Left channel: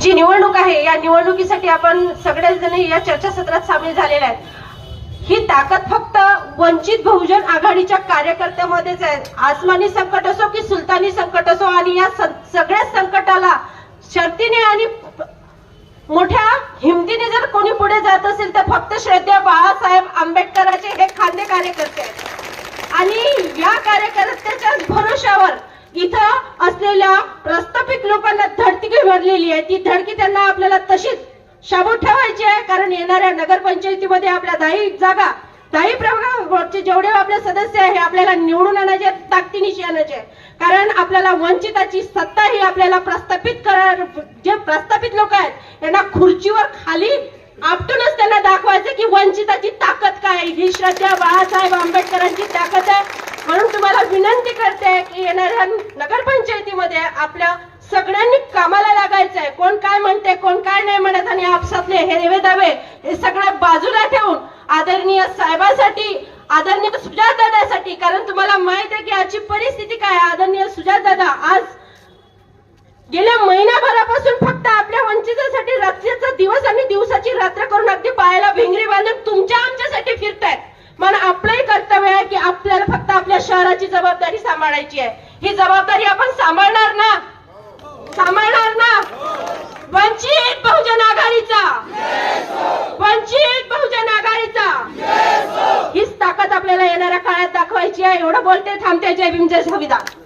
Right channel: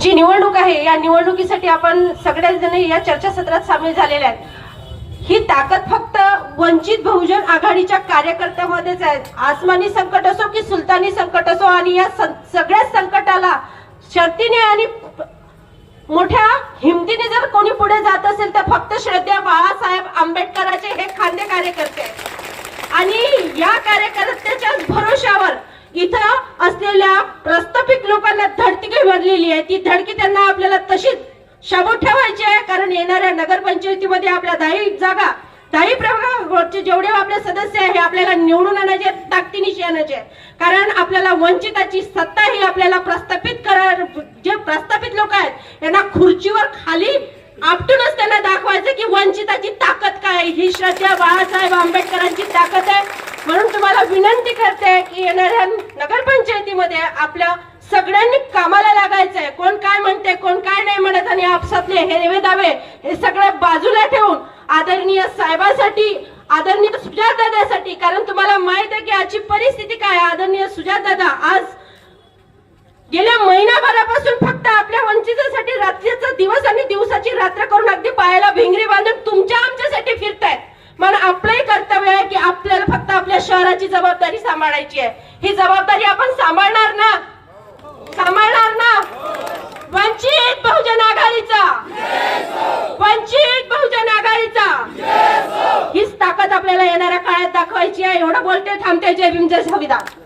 जी निवडणूक आहे या निवडणुकीसाठी आपण सगळेजण या चर्चासत्रात सामील झालेले आहेत. ही ताकद फक्त वंचित बहुजन आघाडीच्या कार्यकर्त्यांमध्येच आहे. आसमानी संकट असो की सुलतानी संकट असो, आणि या सगळ्या संकटाला शर्तीने आणि मोठ्या हिमतीने जर कोणी पुढे जात असेल तर फक्त श्रद्धेय बाळासाहेब आंबेडकरांचे हे खांदे कार्यकर्ते आहेत. आणि या कार्यकर्त्याच्या भरोशावर इथं असलेल्या प्रस्थापित लोकांना धडकी भरलेली आहे. ती धडकी त्यांना आपल्याला तशीच शाबूत ठेवायची आहे, कारण येणाऱ्या नगरपंचायतीमध्ये आपल्या 10 प्रभागावरचे जेवढे आपले सदस्य आहे आपल्याला निवडून आणायचे, ताकदीनिशी आणायचे. कारण आपल्याला वंचिताची सत्ता ही आपल्याला जे प्रस्थापित लोक आहेत यांना खुर्चीवर खाली आपटूनच त्यांना दाखवायचं की वंचिताची ताकद काय, ही श्रद्धेय बाळासाहेब आंबेडकरांची ताकद आहे. म्हणून तुम्हाला विनंती करते की येणाऱ्या नगरपंचायतीमध्ये आपल्या सगळ्यांनी कामाला लागायचं आहे. कोण काय म्हणते, कोण काय नाही म्हणत, आणि आपसातले हे दावे हे सगळे बाजूला ठेवून आदरणीय साहेबांसाठी, आदरणीय सुजातदादासाठी, कारण तुम्हाला माहित आहे की आजची परिस्थिती काय आहे. आदरणीय सुजातदादा आज गेल्या महिनाभरापासून फक्त आपल्या वंचितासाठी रात्रीचा दिवस आणि दिवसाची रात्र करून अगदी पायाला भिंगरी बांधून तुमच्या आमच्यासाठी फिरतायत. पण आपलंही कर्तव्य आहे की आपल्याला फक्त आपल्या शहराची जबाबदारी सांभाळायची आहे. ही जबाबदारी आपण सांभाळणार ना? वंचित बहुजन आघाडीचा, वंचित बहुजन आघाडीचा हीच ताकद आपल्याला येणाऱ्या काळात दाखवायची आहे. एवढं बोलते, थांबते. जय भीम, जय संविधान.